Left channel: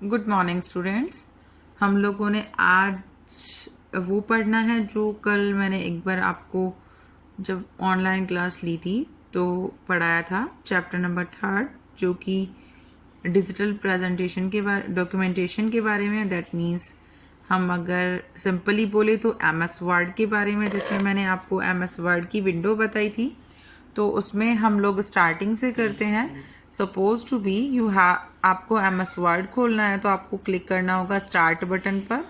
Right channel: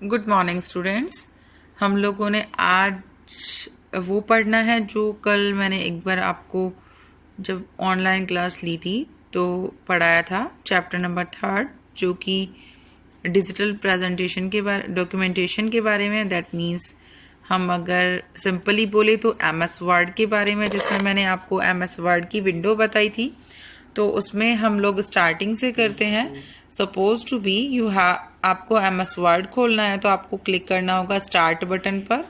Good morning students. हम लोगों ने आज वो पढ़ना है जो कल मैंने एक बार आपको जब ऑनलाइन क्लास ली थी तो पढ़ाया था, चैप्टर नंबर 3 जो कि डिजिटल प्रेजेंटेशन के बारे डॉक्यूमेंटेशन के बारे में। दैट मीन्स हम अगर सिंपली बोले तो MS वर्ड के बारे में, जिसमें मैंने आपको MS वर्ड की विंडो बताई थी। तो उसमें हम लोग स्टार्टिंग से करते हैं। सपोज टू बी आपको MS वर्ड खोलना है तो आपको क्लिक करना होगा स्टार्ट बटन पर।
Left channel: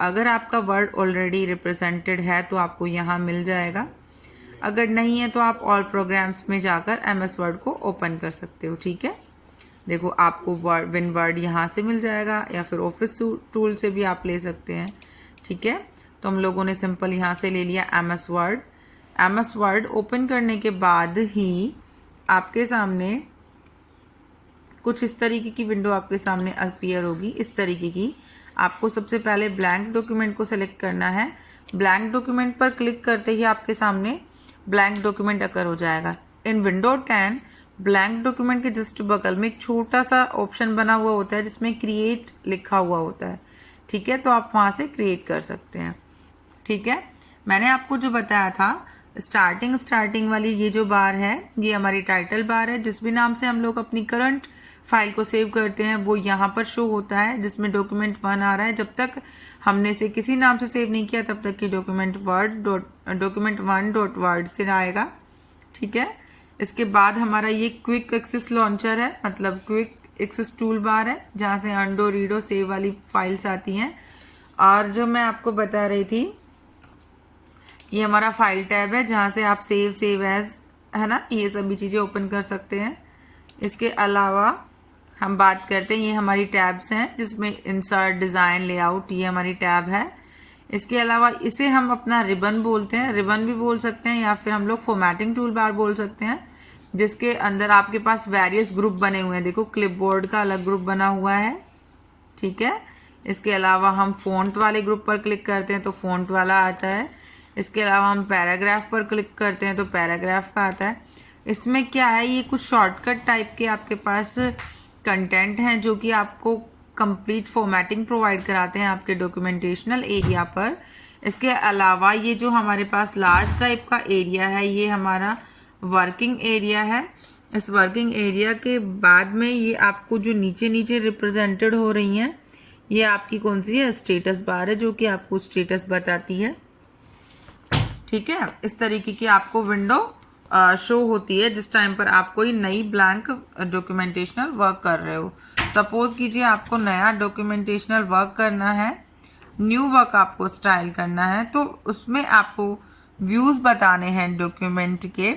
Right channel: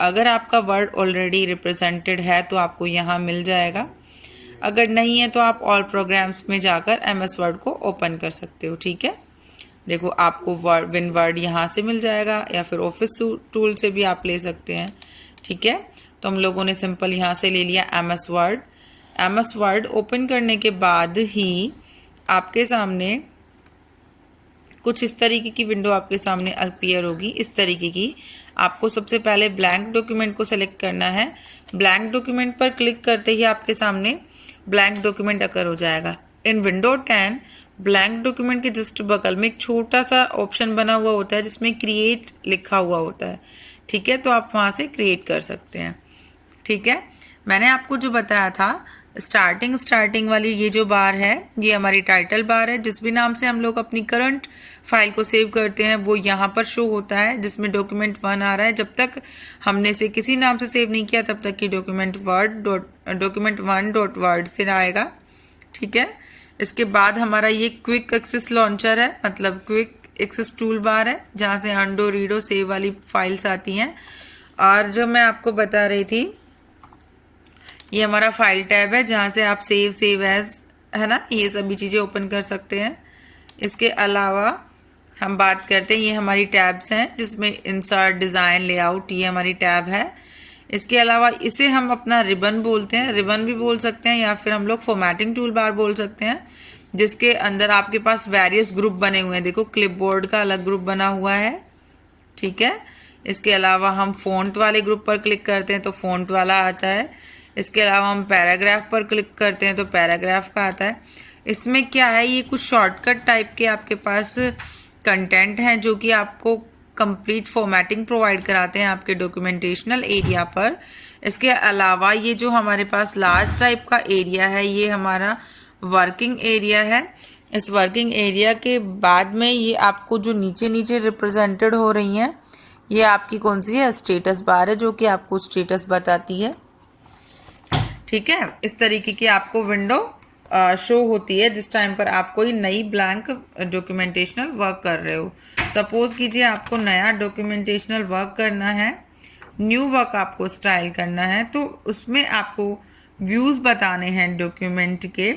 अगर आपका वर्ड ऑलरेडी रिप्रेजेंटेड है तो आपको यहाँ मिल जाएगा, अगर नहीं है तो आप ऑल प्रोग्राम्स में जाकर MS वर्ड को ओपन कर सकते हो। ठीक है, देखो आपको विन वर्ड यहाँ से मिल जाएगा या फिर ऑफिस टूल से भी आप ले सकते हैं। ठीक है, तो हम लोगों ने सिंपल यहाँ से ले लिया MS word. MS word open करने के बाद ही आपके सामने कुछ इस तरीके की विंडो आपके सामने अपीयर होगी। इस तरीके की आपको सबसे पहले ब्लैंक डॉक्यूमेंट को सेलेक्ट करना है। ब्लैंक डॉक्यूमेंट पर क्लिक करते ही आपके सामने ब्लैंक डॉक्यूमेंट अकर हो जाएगा। इन विंडो 10 ब्लैंक डॉक्यूमेंट के जस्ट बगल में एक छोटा सा ऑप्शन बना हुआ होता है जिसमें क्रिएट लिखा हुआ होता है। ठीक है, तो आप वहाँ से क्रिएट कर सकते हैं। ठीक है, मैंने आपको जो बताया था स्टार्टिंग वाली ये जो बार है ये हमारी टाइटल बार है। जिस भी नाम से हम लोग अपनी करंट फाइल को सेव करते हैं वो यहाँ पर शो होता है, जिसमें डॉक्यूमेंट 1 आ रहा है। जब तक हमने इसे किसी नाम से सेव नहीं किया तब तक कि डॉक्यूमेंट 1 डॉट वर्ड से आएगा। ठीक है, इसके बाद हमारा ये क्विक एक्सेस लॉन्चर है, मतलब क्विक एक्सेस टूल बार है, जहाँ से अंडो रीडो सेव वाली फाइल्स आती हैं। और जो मैं आपको बता रही थी ये हमारा फाइल टैब है, जहाँ से आप सेव एज है ना, ये सभी चीज़ें ओपन कर सकते हैं। इसके अलावा हम बात करते हैं, ये हमारी टैब्स हैं जिसमें इंसर्ट, डिज़ाइन, लेआउट, ये हमारी टैब है। इसके अलावा इसे हम अपना रिबन बोलते हैं, रिबन भी बोल सकते हैं, या फिर हम लोग फॉर्मेटिंग टूल बार बोल सकते हैं, जिसके अंदर आपके पास वेरियस ग्रुप बने हुए हैं। देखो क्लिपबोर्ड का अलग ग्रुप बना हुआ है। ठीक है, इसके अलावा हम फ़ॉन्ट वाले ग्रुप पर क्लिक करते हैं तो फ़ॉन्ट वाला आता है। इसके अलावा हम पैराग्राफ पर क्लिक करते हैं तो पैराग्राफ का आता है। इसमें क्या है, ये कुछ शॉर्टकट टाइप के आपके पास कंटेंट हैं जो कि आपको कंप्लीट फॉर्मेटिंग प्रोवाइड कराते हैं आपके डॉक्यूमेंटेशनल एरिया पर। इसके अलावा ये जो हमारे पास लार्ज टाइप का एरिया है ये हमारा वर्किंग एरिया है। इस वर्किंग एरिया के बाद में ये आपको जो नीचे नीचे रिप्रेजेंटेड हो रही हैं ये आपकी कौन सी है, स्टेटस बार है, जो कि आपको स्टेटस बताती है। ठीक है, इस तरीके की आपको विंडो शो होती है जिस टाइम पर आप कोई नई ब्लैंक डॉक्यूमेंटेशनल वर्क कर रहे हो। सपोज कीजिए आपको नया डॉक्यूमेंटेशनल वर्क करना है, न्यू वर्क आपको स्टाइल करना है, तो उसमें आपको व्यूज़ बताने हैं डॉक्यूमेंट के,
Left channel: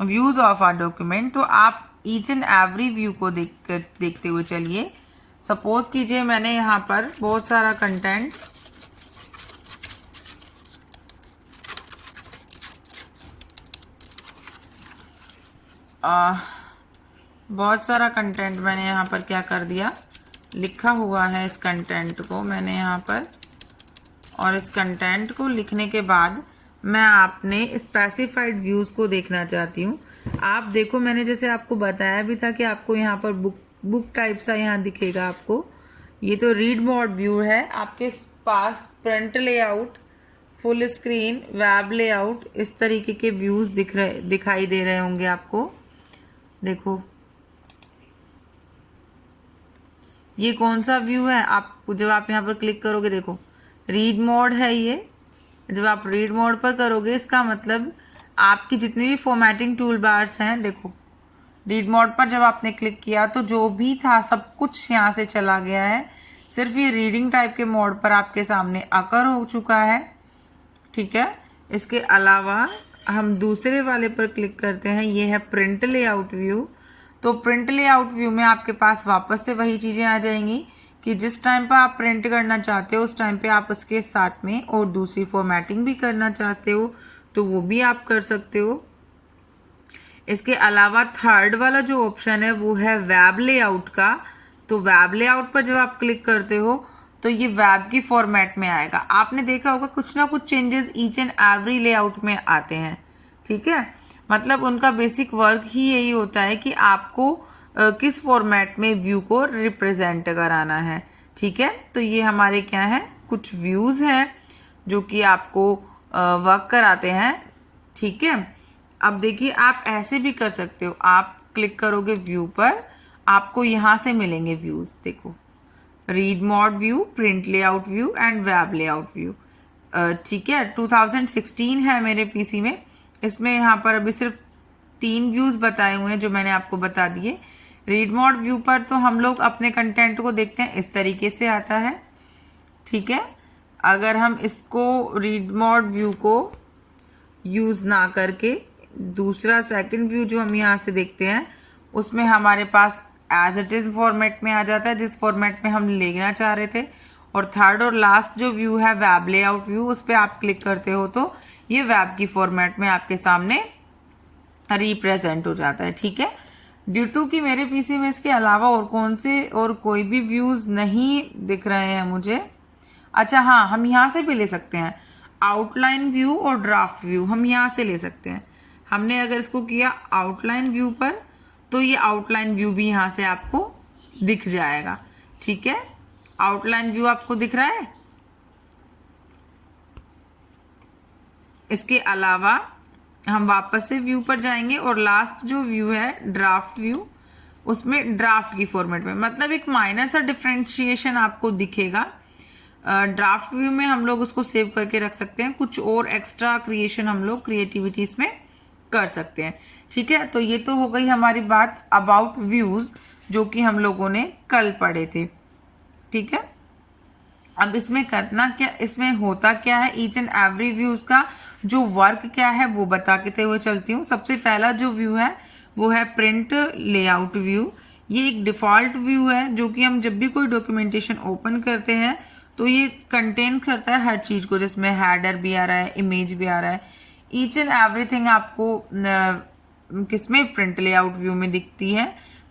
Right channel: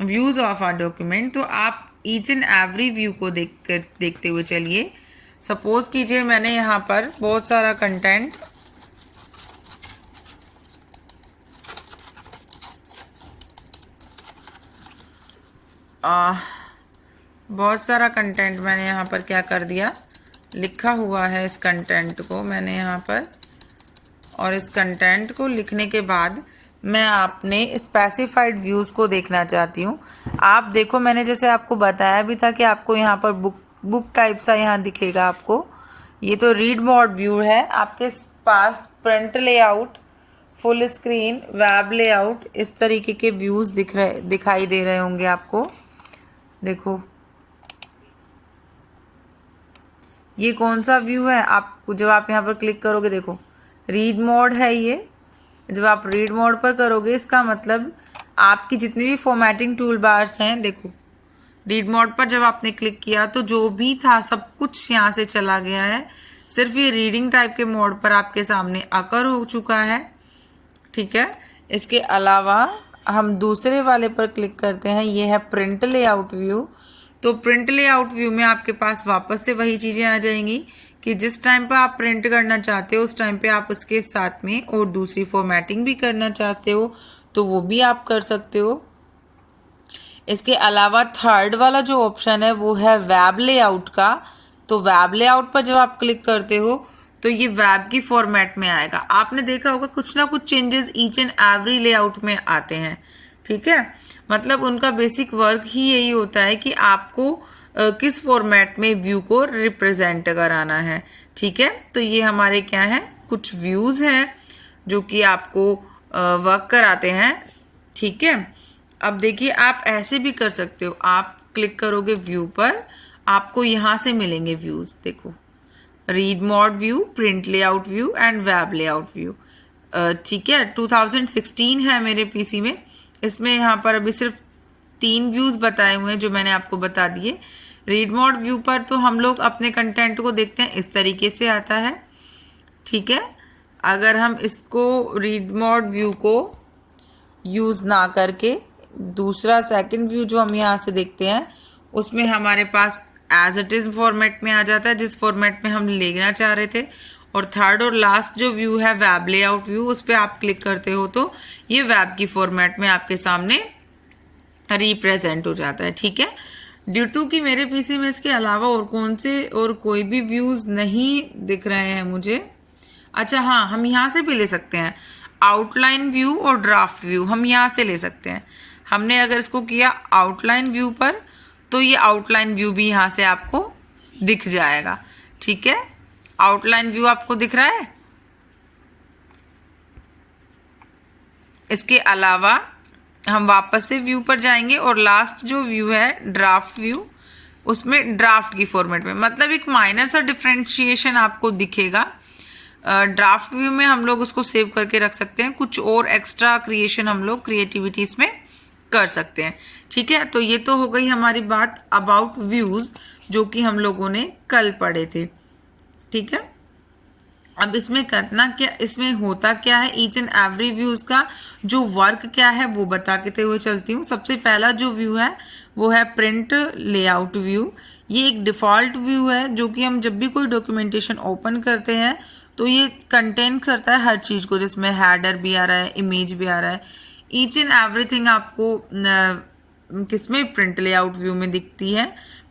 व्यूज़ ऑफ आर डॉक्यूमेंट। तो आप ईच एंड एवरी व्यू को देखते हुए चलिए। सपोज कीजिए मैंने यहाँ पर बहुत सारा कंटेंट मैंने यहाँ पर क्या कर दिया, लिखा हुआ है इस कंटेंट को मैंने यहाँ पर, और इस कंटेंट को लिखने के बाद मैं आपने स्पेसिफाइड व्यूज़ को देखना चाहती हूँ। आप देखो मैंने जैसे आपको बताया भी था कि आपको यहाँ पर बुक टाइप सा यहाँ दिखेगा आपको। ये तो रीड मोड व्यू है। आपके पास print layout, full screen, web layout, इस तरीके के व्यूज़ दिखाई दे रहे होंगे आपको। देखो ये कौन सा व्यू है, आप जब आप यहाँ पर क्लिक करोगे देखो रीड मोड है ये। जब आप रीड मोड पर करोगे इसका मतलब आपकी जितनी भी फॉर्मेटिंग टूल बार्स हैं, देखो रीड मोड पर जब आपने क्लिक किया तो जो भी था सब कुछ यहाँ से चला गया है। सिर्फ ये रीडिंग टाइप के मोड पर आपके सामने अकर हो चुका है। ठीक है, इसके अलावा हम दूसरे वाले पर क्लिक करते हैं, ये है प्रिंट लेआउट व्यू। तो प्रिंट लेआउट व्यू में आपके पास वापस से वही चीज़ें आ जाएंगी कि जिस टाइम पर आप प्रिंट करना चाहते हो उस टाइम पे आप उसके साथ में और दूसरी फॉर्मेटिंग भी करना चाहते हो तो वो भी आप कर सकते हो। इसके अलावा थर्ड वाला जो ऑप्शन है वो है वेब लेआउट का। तो वेब लेआउट पर जब आप क्लिक करते हो तो ये वेब की फॉर्मेट में आएगा। आपने देखा होगा कुछ ना कुछ changes each and every layout में आते हैं। ठीक है, मतलब उनका बेसिक वर्क ही यही होता है कि आपको किस फॉर्मेट में व्यू को रिप्रेजेंट कराना है। ठीक है, तो ये हमारे क्या है, कुछ व्यूज़ हैं जो कि आपको वर्क कराते हैं। ठीक है, अब देखिए आप ऐसे भी कर सकते हो, आप क्लिक करोगे व्यू पर, आपको यहाँ से मिलेंगे व्यूज़। देखो, read mode view, print layout view and web layout view. ठीक है, 2016 है मेरे पीसी में। इसमें यहाँ पर अभी सिर्फ 3 व्यूज़ बताए हुए हैं जो मैंने आपको बता दिए। रीड मोड व्यू पर तो हम लोग अपने कंटेंट को देखते हैं, इस तरीके से आता है। ठीक है, अगर हम इसको रीड मोड व्यू को यूज़ ना करके दूसरा सेकंड व्यू जो हम यहाँ से देखते हैं, उसमें हमारे पास एज इट इज़ फॉर्मेट में आ जाता है, जिस फॉर्मेट में हम लेना चाह रहे थे। और थर्ड और लास्ट जो व्यू है वेब लेआउट व्यू, उस पर आप क्लिक करते हो तो ये वेब की फॉर्मेट में आपके सामने रिप्रेजेंट हो जाता है। ठीक है, ड्यू टू कि मेरे पीसी में इसके अलावा और कौन से और कोई भी व्यूज़ नहीं दिख रहे हैं मुझे। अच्छा हाँ, हम यहाँ से भी ले सकते हैं, आउटलाइन व्यू और ड्राफ्ट व्यू हम यहाँ से ले सकते हैं। हमने अगर इसको किया आउटलाइन व्यू पर, तो ये आउटलाइन व्यू भी यहाँ से आपको दिख जाएगा। ठीक है, आउटलाइन व्यू आपको दिख रहा है। इसके अलावा हम वापस से व्यू पर जाएंगे और लास्ट जो व्यू है ड्राफ्ट व्यू, उसमें ड्राफ्ट की फॉर्मेट में, मतलब एक माइनर सा डिफरेंशिएशन आपको दिखेगा। ड्राफ्ट व्यू में हम लोग उसको सेव करके रख सकते हैं, कुछ और एक्स्ट्रा क्रिएशन हम लोग क्रिएटिविटी इसमें कर सकते हैं। ठीक है, तो ये तो हो गई हमारी बात अबाउट व्यूज़ जो कि हम लोगों ने कल पढ़े थे। ठीक है, अब इसमें करना क्या, इसमें होता क्या है, ईच एंड एवरी व्यूज़ का जो वर्क क्या है वो बता के हुए चलती हूँ। सबसे पहला जो व्यू है वो है प्रिंट लेआउट व्यू। ये एक डिफ़ॉल्ट व्यू है जो कि हम जब भी कोई डॉक्यूमेंटेशन ओपन करते हैं तो ये कंटेन करता है हर चीज़ को, जिसमें हैडर भी आ रहा है, इमेज भी आ रहा है, ईच एंड एवरीथिंग आपको किसमें, प्रिंट लेआउट व्यू में दिखती है।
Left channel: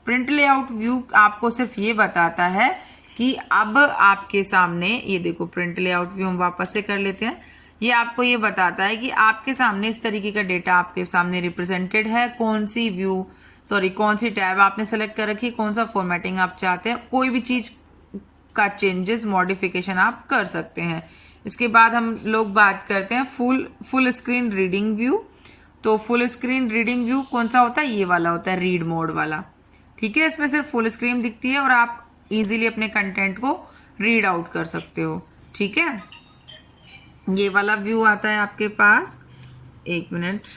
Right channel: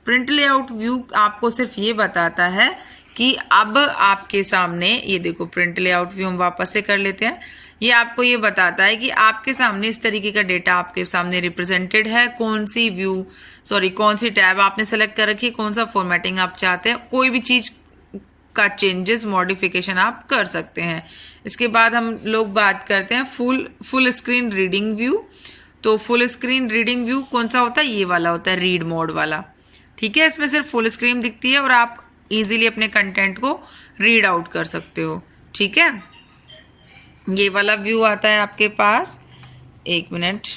प्रिंट लेआउट व्यू आपको सिर्फ ये बताता है कि अब आपके सामने, ये देखो प्रिंट लेआउट व्यू हम वापस से कर लेते हैं, ये आपको ये बताता है कि आपके सामने इस तरीके का डेटा आपके सामने रिप्रेजेंटेड है, कौन सी टैब आपने सेलेक्ट कर रखी, कौन सा फॉर्मेटिंग आप चाहते हैं, कोई भी चीज़ का चेंजेस मॉडिफिकेशन आप कर सकते हैं। इसके बाद हम लोग बात करते हैं फुल स्क्रीन रीडिंग व्यू। तो फुल स्क्रीन रीडिंग व्यू कौन सा होता है, ये वाला होता है, रीड मोड वाला। ठीक है, इसमें सिर्फ फुल स्क्रीन दिखती है और आप इजीली अपने कंटेंट को रीड आउट कर सकते हो। ठीक है, ये वाला व्यू आता है आपके पास, एक मिनट,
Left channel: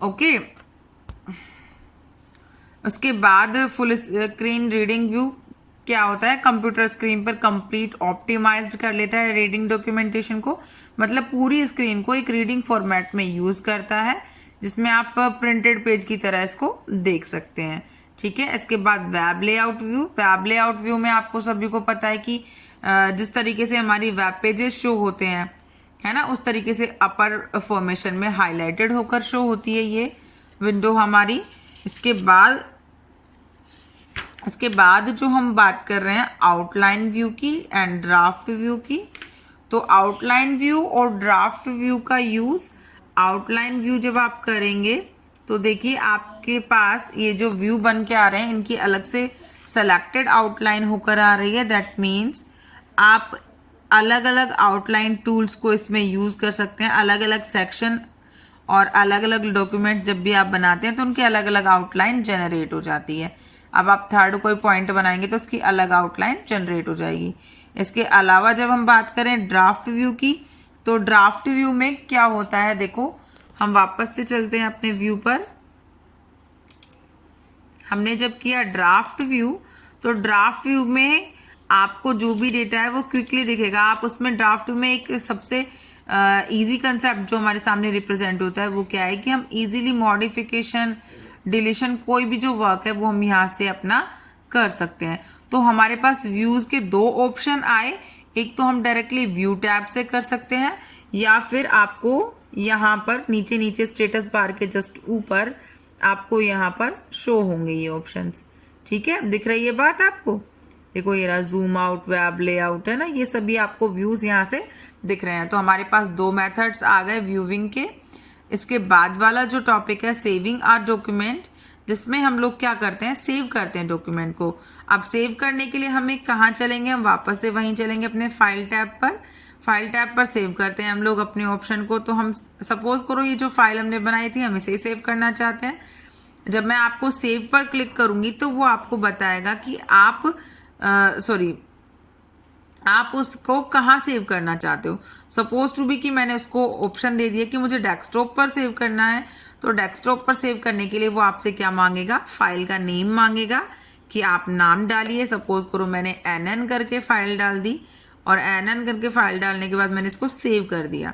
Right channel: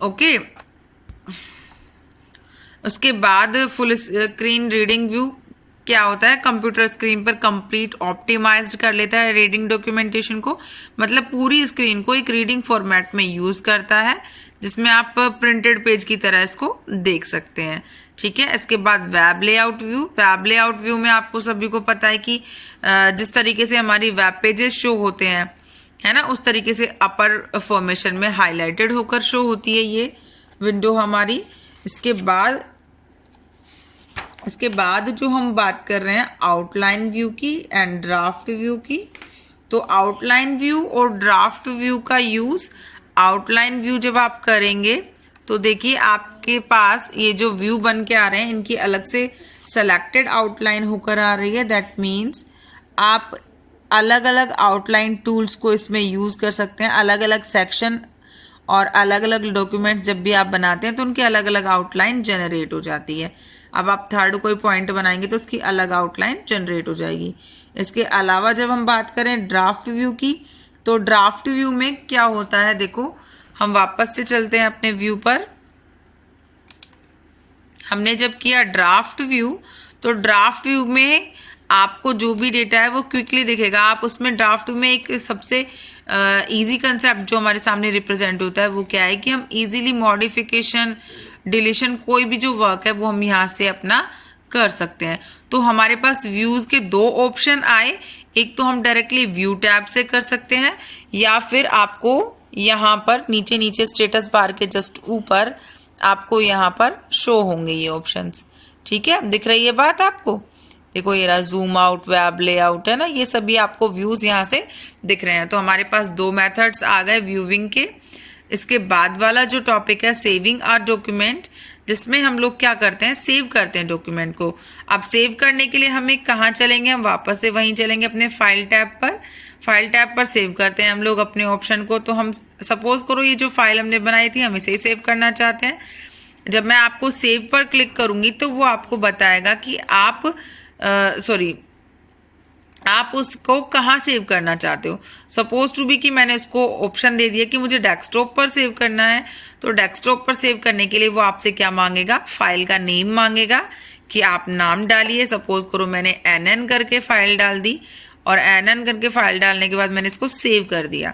ओके। उसके बाद फुल स्क्रीन रीडिंग व्यू क्या होता है, कंप्यूटर स्क्रीन पर कंप्लीट ऑप्टिमाइज्ड कर लेता है रीडिंग डॉक्यूमेंटेशन को, मतलब पूरी स्क्रीन को एक रीडिंग फॉर्मेट में यूज़ करता है, जिसमें आप प्रिंटेड पेज की तरह इसको देख सकते हैं। ठीक है, इसके बाद वेब लेआउट व्यू में आपको सभी को पता है कि जिस तरीके से हमारी वेब पेजेस शो होते हैं, है ना, उस तरीके से अपर फॉर्मेशन में हाईलाइटेड होकर शो होती है ये विंडो हमारी। इसके बाद जो हम बात कर रहे हैं आउटलाइन व्यू की एंड ड्राफ्ट व्यू की। तो आउटलाइन व्यू और ड्राफ्ट व्यू का यूज़, आउटलाइन व्यू जब आप करेंगे तो देखिए आपके पास ये जो व्यू बन के आ रहे हैं, इनकी अलग से सेलेक्टेड आउटलाइन होकर आ रही है। दैट मीन्स आप अलग अलग आउटलाइन टूल्स को इसमें यूज़ कर सकते हैं। अलग अलग सेक्शन और अलग अलग डॉक्यूमेंट जब भी आप बनाते हैं तो उनकी अलग अलग आउटलाइन जनरेट हो जाती है। अब आप थर्ड कोई पॉइंट बनाएंगे तो उसकी अलग आउटलाइन जनरेट हो जाएगी। इसके अलावा जब हम बात करें ड्राफ्ट व्यू की, तो ड्राफ्ट व्यू में क्या होता है, देखो हम वापस से चलते हैं अपने व्यू पर। हमने जब किया ड्राफ्ट व्यू, तो ड्राफ्ट व्यू में आपको जो भी डेटा है वो क्विकली दिखेगा। आप उसमें ड्राफ्ट में एक सबसे इजी कंसेप्ट जो हमारे सामने रिप्रेजेंट होता है वो क्या है कि हम इजीली मॉडिफिकेशन, डिलीशन, कोई भी जो वर्क है वो हम यहाँ से अपना कर सकते हैं। तो हमारे पास व्यूज़ के 2 ऑप्शन आए, एक तो हम डायरेक्टली व्यू टैब से कर सकते हैं, या फिर आपको यहाँ पर नीचे स्टेटस बार के जस्ट ऊपर आपको यहाँ पर शो होंगे ये ऑप्शंस। ठीक है, दिख रही है बात आपको, देखो ये रहा जूम आउट, वेब लेआउट है ना, ये सभी आपको व्यूज़ यहाँ से दिख रहे हैं। तो हमारे पास 2 मेथड्स आ गए व्यूइंग के। इसके बाद वाला जो टॉपिक है सेविंग आर डॉक्यूमेंट, जिसमें हम लोग क्या करते हैं, सेव करते हैं डॉक्यूमेंट को। अब सेव करने के लिए हमें कहाँ चलेंगे, हम वापस से वहीं चलेंगे अपने फाइल टैब पर। फाइल टैब पर सेव करते हैं हम लोग अपने ऑप्शन को। तो हम सपोज करो ये जो फाइल हमने बनाई थी हम इसे सेव करना चाहते हैं। जब मैं आपको सेव पर क्लिक करूँगी तो वो आपको बताएगा कि आप आप उसको कहाँ सेव करना चाहते हो। सपोज टू बी कि मैंने उसको ऑप्शन दे दिया कि मुझे डेस्कटॉप पर सेव करना है। तो डेस्कटॉप पर सेव करने के लिए वो आपसे क्या मांगेगा, फाइल का नेम मांगेगा कि आप नाम डालिए। सपोज करो मैंने NN करके फाइल डाल दी और NN करके फाइल डालने के बाद मैंने इसको सेव कर दिया।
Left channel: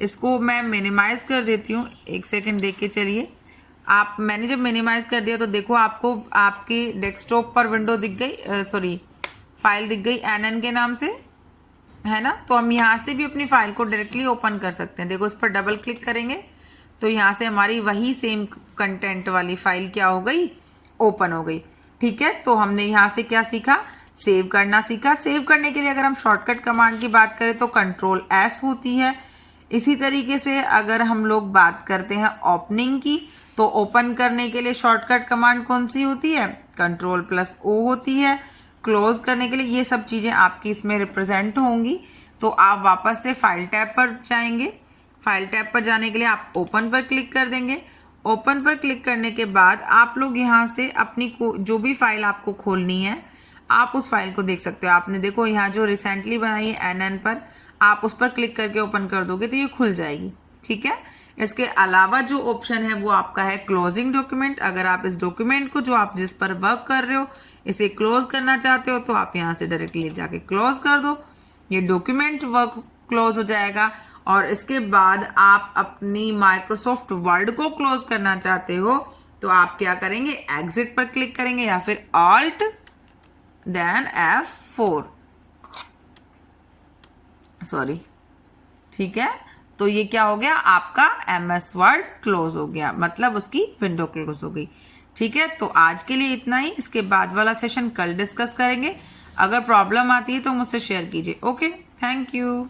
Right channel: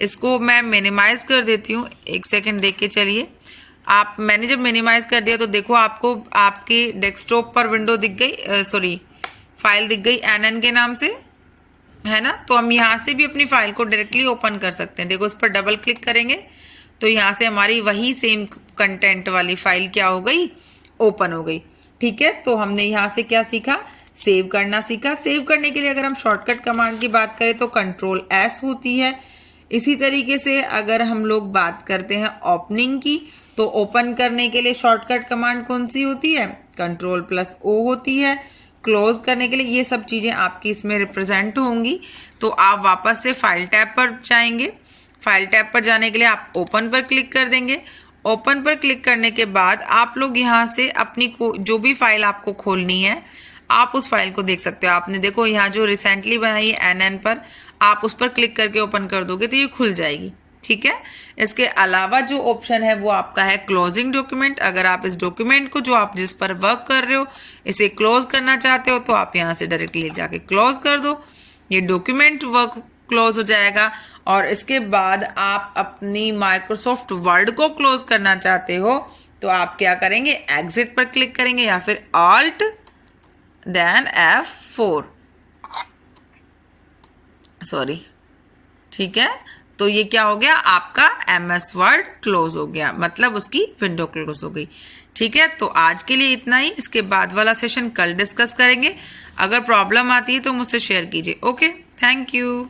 इसको मैं मिनिमाइज़ कर देती हूँ, 1 सेकेंड देख के चलिए। मैंने जब मिनिमाइज़ कर दिया तो देखो आपको आपकी डेस्कटॉप पर विंडो दिख गई, फाइल दिख गई NN के नाम से, है ना। तो हम यहाँ से भी अपनी फाइल को डायरेक्टली ओपन कर सकते हैं। देखो इस पर डबल क्लिक करेंगे तो यहाँ से हमारी वही सेम कंटेंट वाली फाइल क्या हो गई, ओपन हो गई। ठीक है, तो हमने यहाँ से क्या सीखा, सेव करना सीखा। सेव करने के लिए अगर हम शॉर्टकट कमांड की बात करें तो Ctrl+S होती है। इसी तरीके से अगर हम लोग बात करते हैं ओपनिंग की, तो ओपन करने के लिए शॉर्टकट कमांड कौन सी होती है, Ctrl+O होती है। क्लोज करने के लिए ये सब चीज़ें आपकी इसमें रिप्रेजेंट होंगी। तो आप वापस से फाइल टैब पर जाएंगे। फाइल टैब पर जाने के लिए आप ओपन पर क्लिक कर देंगे। ओपन पर क्लिक करने के बाद आप लोग यहाँ से अपनी जो भी फाइल आपको खोलनी है आप उस फाइल को देख सकते हो। आपने देखो यहाँ जो रिसेंटली बनाई है NN पर, आप उस पर क्लिक करके ओपन कर दोगे तो ये खुल जाएगी। ठीक है, इसके अलावा जो ऑप्शन है वो आपका है क्लोजिंग डॉक्यूमेंट। अगर आप इस डॉक्यूमेंट को जो आप जिस पर वर्क कर रहे हो इसे क्लोज करना चाहते हो तो आप यहाँ से डायरेक्टली जाके क्लोज कर दो, ये डॉक्यूमेंट वर्क क्लोज हो जाएगा। और इसके बाद आप अपनी माइक्रोसॉफ्ट वर्ड को क्लोज करना चाहते हो तो आप क्या करेंगे, एग्जिट पर क्लिक करेंगे या फिर Alt then F4, सॉरी। ठीक है, तो ये क्या हो गया, आपका MS वर्ड क्लोज हो गया, मतलब उसकी विंडो क्लोज हो गई। ठीक है, तो आज के लिए इतना ही। इसके बाद वाला सेशन कल डिस्कस करेंगे। अगर प्रॉब्लम आती है तो मुझसे शेयर कीजिए। Okay, thank you.